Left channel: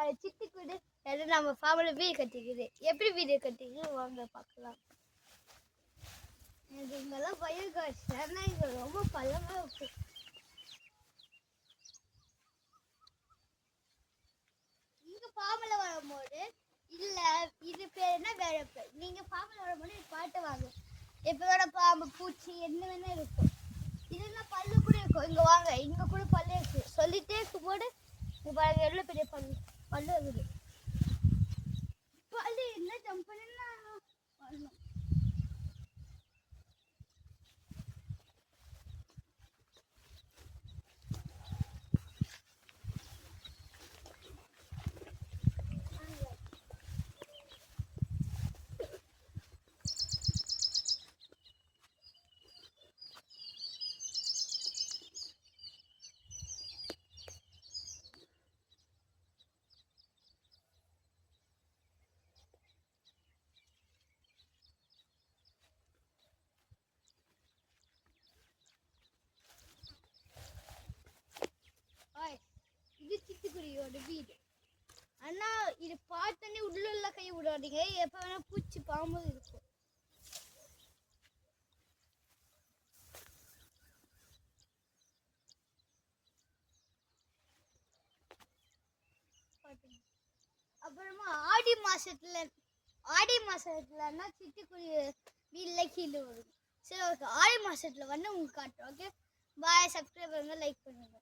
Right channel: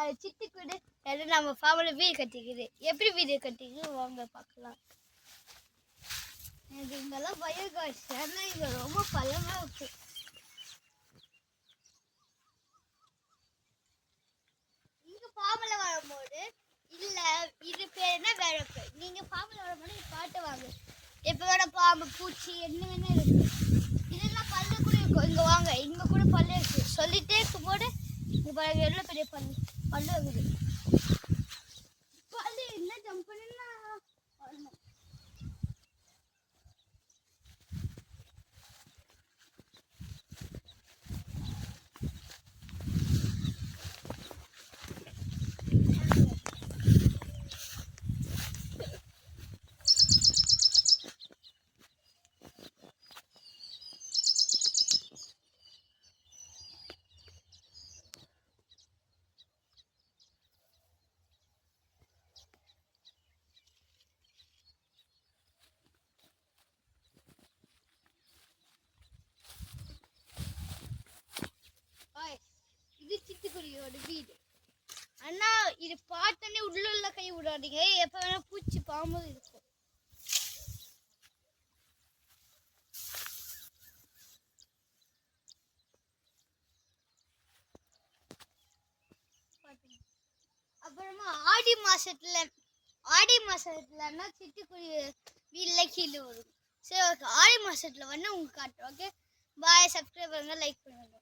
அது சிட்டுக்குருவி எல்லாம் நம்ம ஃபார்மில் வீடு கட்டிக்குது. எப்படி வீடு கட்டிக்குது வாங்க பார்க்கலாம். எனக்கு இங்கெல்லாம் பயம் காசு, ஏன்னா இங்கே ரொம்ப பழமாக இருக்கு. இங்கே ஃபார்மில் வரும்போது இல்லை இது பேர் என்ன வேற பேர். நீங்கள் ஃபார்மில் வரும்போது பாட்டு வாங்க. எப்போ வேணா பாம்பு பூச்சி என்ன வேணா இருக்கு. இதெல்லாம் பல்லு கூட இருக்கும். இங்கே வாங்க, இங்கே கூட பல்லு இருக்கு. சொல்லிட்டே இருக்கும்போது இங்கே பாருங்க எவ்வளோ பெரிய பல்லு இருக்குது. பல்லு என்ன ஜம்ப் பண்ணா வரணும். இது சிட்டுக்குருவியோட வீடு. ஆனா இது பார்த்தோன்னே உள்ள கை விடாதீங்க. எப்ப வேணா பூச்சி பாம்பு இருக்கும். அப்புறமா ஆடி மாசத்துலன்னா சிட்டுக்குருவி வீட்டுல கீழே வரும். சரி ஓகே, ஆடி மாசத்துல வந்து உங்களுக்கு காட்டுறோம். Okay bye. சப்ஸ்கிரைப் பண்ணுங்க, லைக் பண்ணுங்க.